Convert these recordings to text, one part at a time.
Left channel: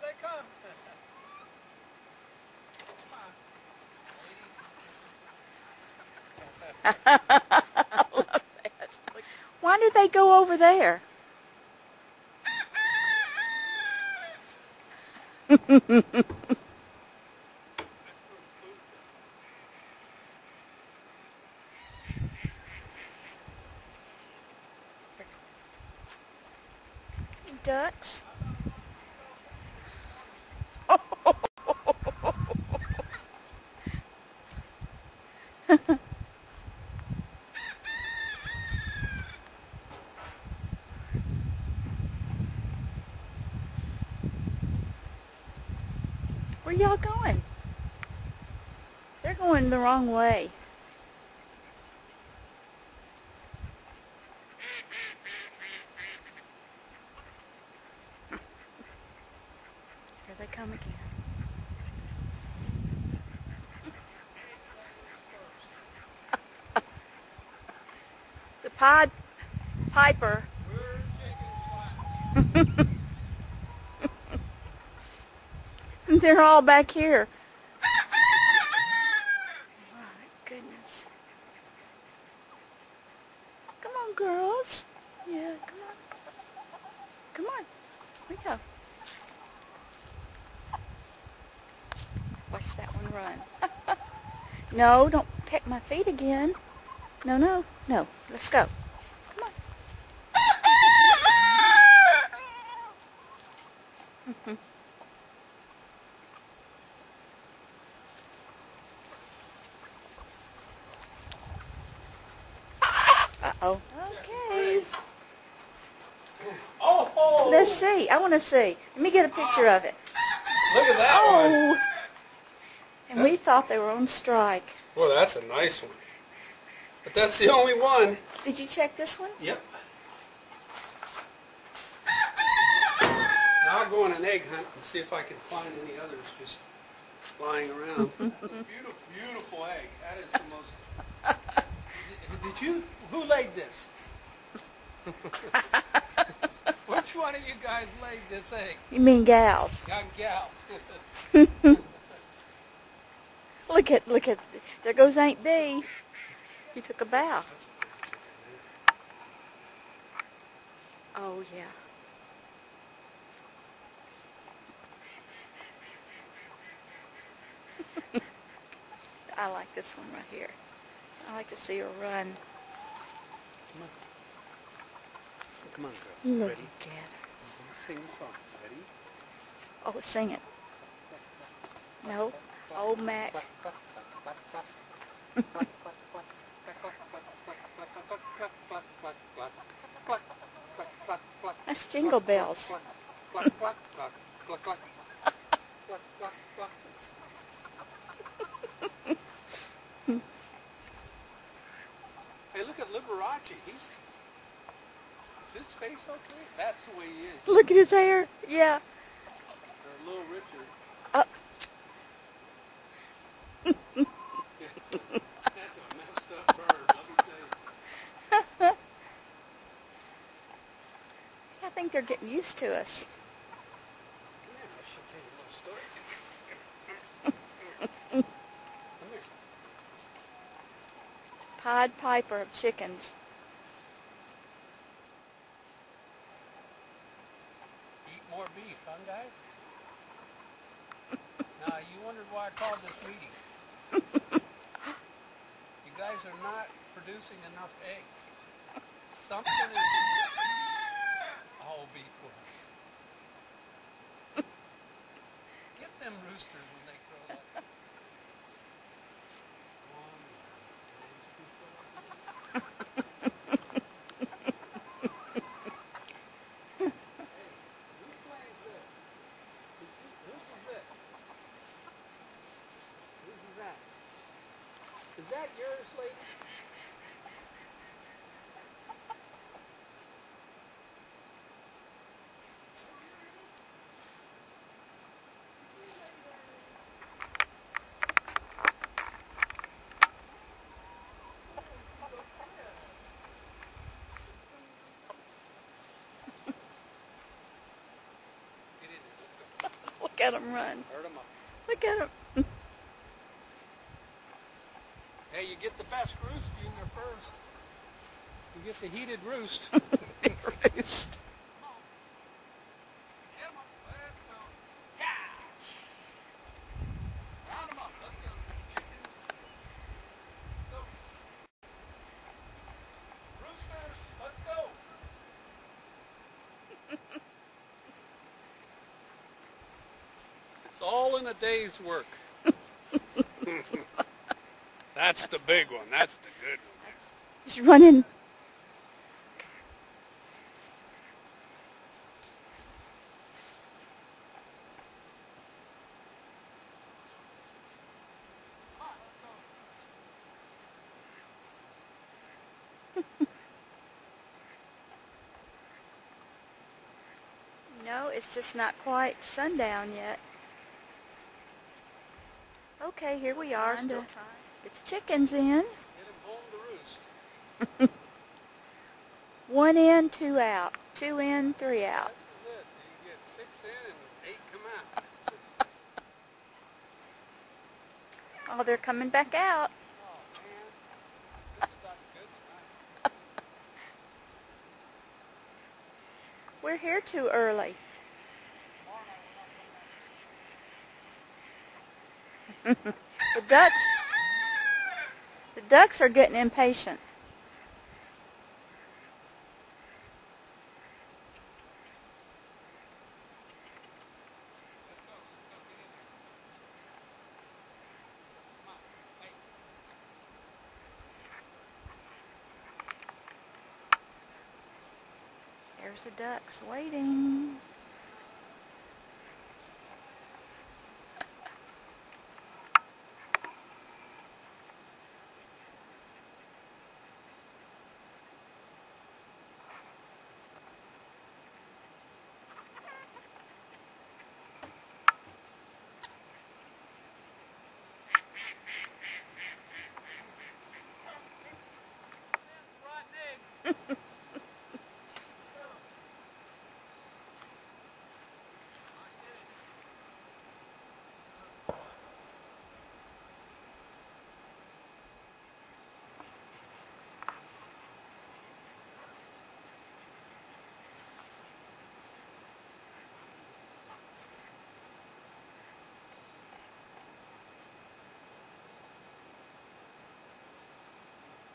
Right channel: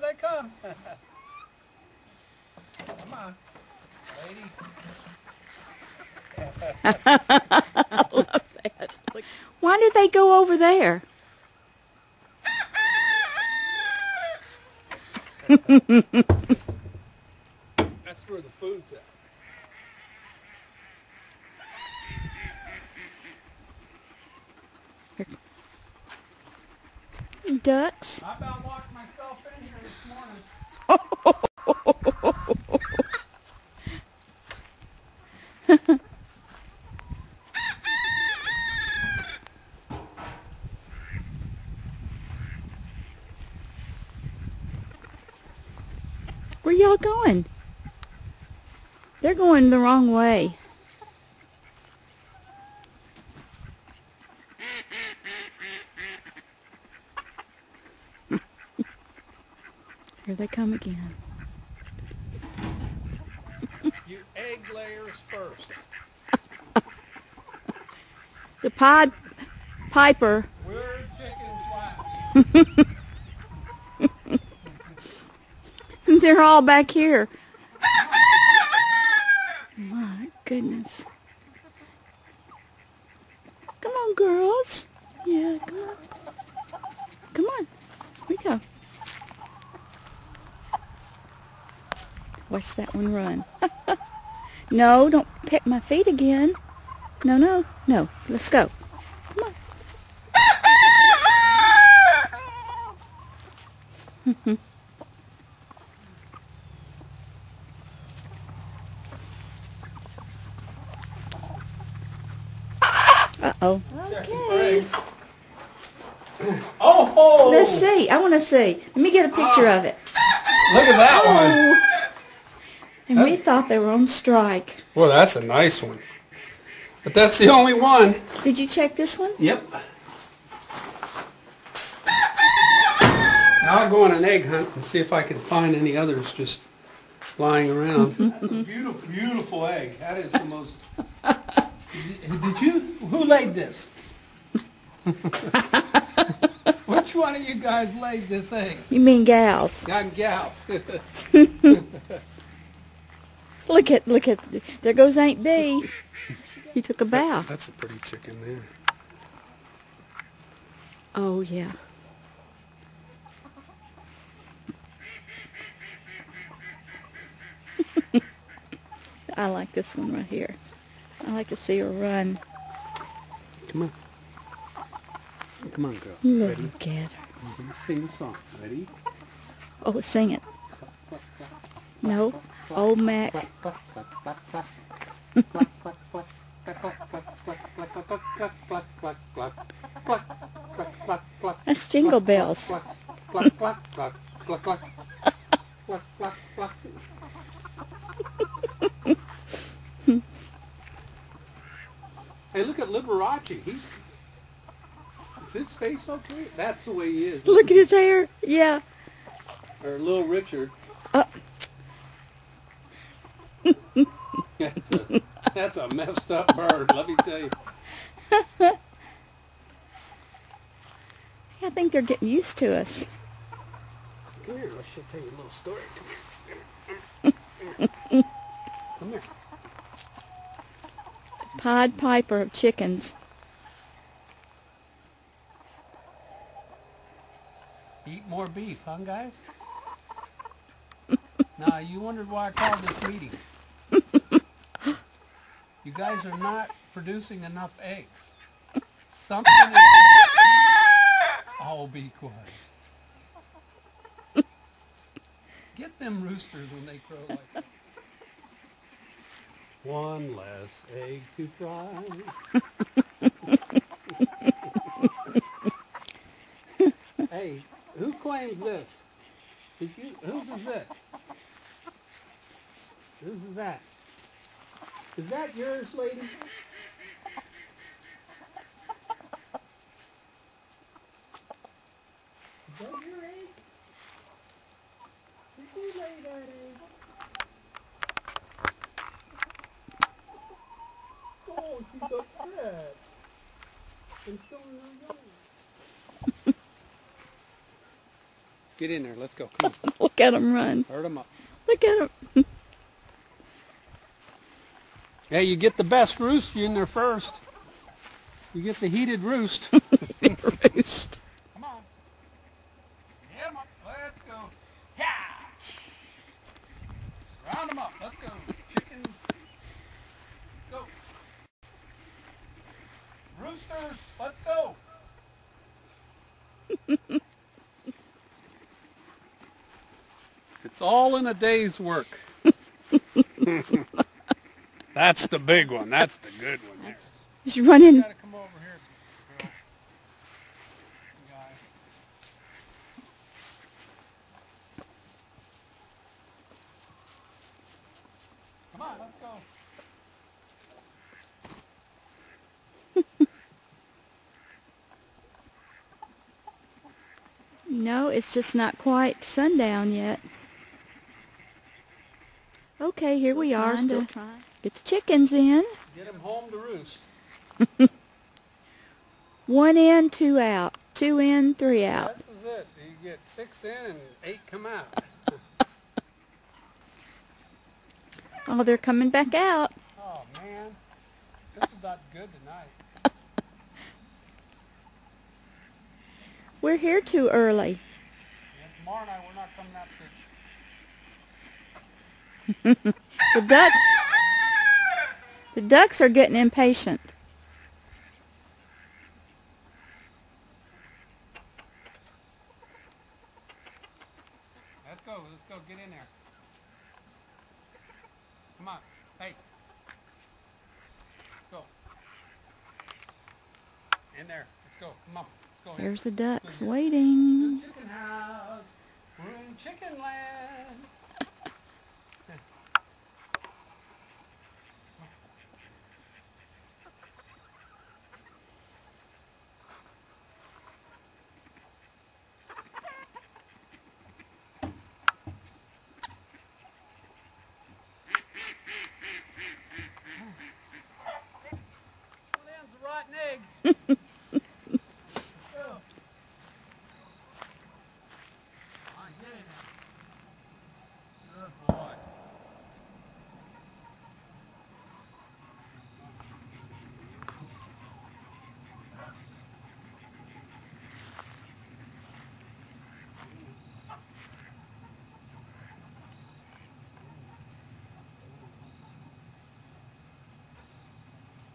here they come. Come on, lady. I love that. Why did they go over there? That's where the food's at. Ducks. I about walked myself in here this morning. Where y'all going? They're going the wrong way. Here they come again. You egg layers first. The Pied Piper. We're chickens last. They're all back here. My goodness. Come on, girls. Yeah, come on. Come on. Here we go. Watch that one run. No, don't pick my feet again. No, no, no. Let's go. Come on. Uh-oh. Checking for eggs. Oh! Let's see. I want to see. Let me get a picture of it. Look at that one. And we thought they were on strike. Well, that's a nice one. But that's the only one. Did you check this one? Yep. Now I'll go on an egg hunt and see if I can find any others just lying around. That's a beautiful, beautiful egg. That is the most... Did you? Who laid this? Which one of you guys laid this egg? You mean gals? I'm gals. Look at, there goes Aunt Bee. He took a bow. That's a pretty chicken there. Oh, yeah. I like this one right here. I like to see her run. Come on. Come on, girl. You Ready? little kid. I'm going to sing a song. Ready? Oh, sing it. No. Old Mac. That's Jingle Bells. Hey, look at Liberace. Is his face okay? That's the way he is. Look at his hair. Yeah. Or Little Richard. That's a messed up bird, let me tell you. I think they're getting used to us. Come here, she'll tell you a little story. Come here. Come here. Pied Piper of chickens. Eat more beef, huh, guys? Now, you wondered why I called this meeting. You guys are not producing enough eggs. Something is... Oh, be quiet. Get them roosters when they crow like that. One less egg to fry. Hey, who claims this? Whose is this? Whose is that? Is that yours, lady? Is that your egg? Did you lay that egg? Oh, she's upset. And showing her yellow. Get in there. Let's go. Come on. Look at them run. Herd them up. Look at them. Yeah, you get the best roost in there first. You get the heated roost. Roost. Come on. Get 'em up. Let's go. Yeah. Round them up. Let's go. Chickens. Go. Roosters. Let's go. It's all in a day's work. That's the big one. That's the good one there. He's running. You gotta come over here. Come on, let's go. No, it's just not quite sundown yet. Okay, here we are. Still get the chickens in. Get them home to roost. 1 in, 2 out. 2 in, 3 Yeah, out. this is it. You get 6 in and 8 come out. Oh, they're coming back out. Oh, man. This is not good tonight. We're here too early. And tomorrow night we're not coming out fishing. The ducks are getting impatient. Let's go. Let's go. Get in there. Come on. Hey. Let's go. In there. Let's go. Come on. Let's go. There's the ducks waiting. Chicken house. We're in chicken land. Land's a rotten egg.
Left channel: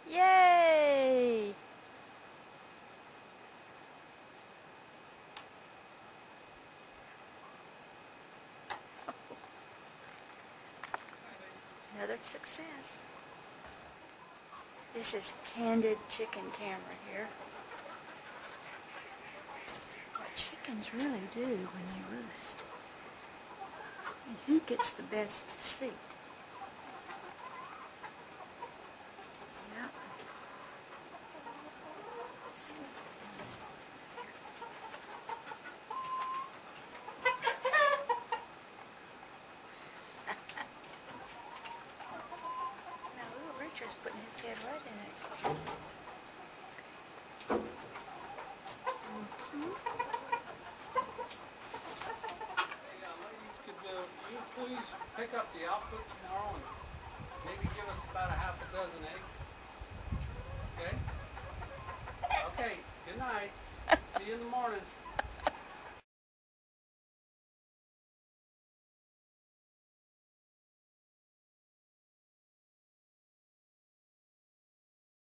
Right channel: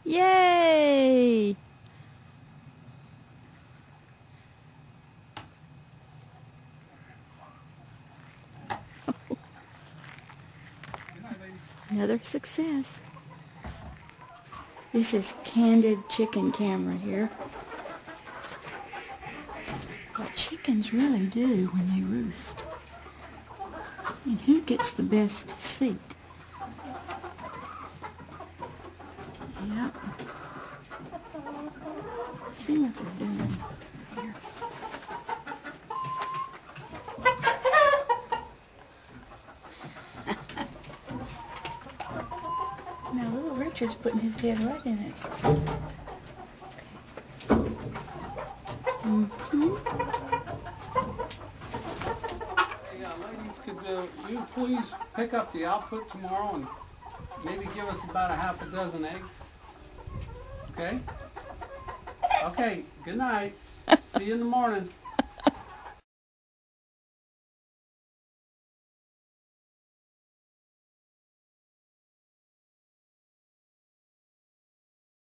Yay! Another success. This is Candid Chicken Camera here. What chickens really do when they roost. And who gets the best seat? Yep. See what they're doing. No, Richard's putting his head right in it. Hey, ladies, could you please pick up the output tomorrow and maybe give us about a half a dozen eggs? Okay? Okay, good night. See you in the morning.